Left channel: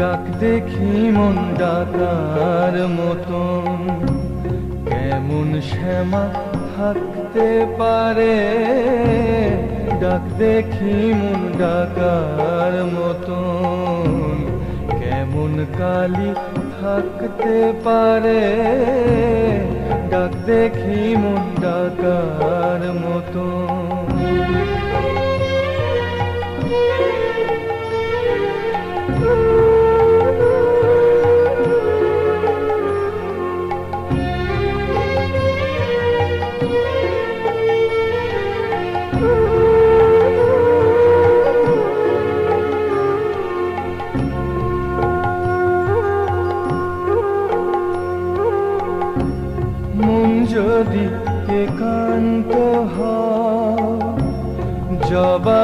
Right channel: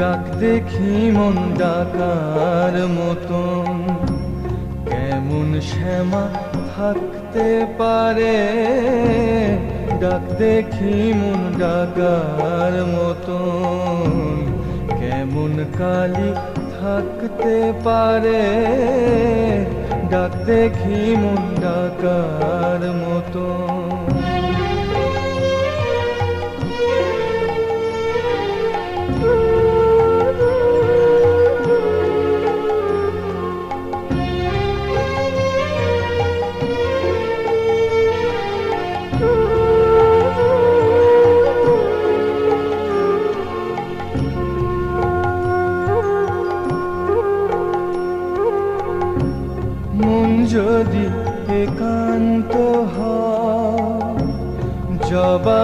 ডাক দেখি মন ডাকার মতন, কেমন শ্যামা থাকতে পারে। ডাক দেখি মন ডাকার মতন, কেমন কালী থাকতে পারে। ডাক দেখি মন ডাকার মতন। যদি একান্ত হয়, জবা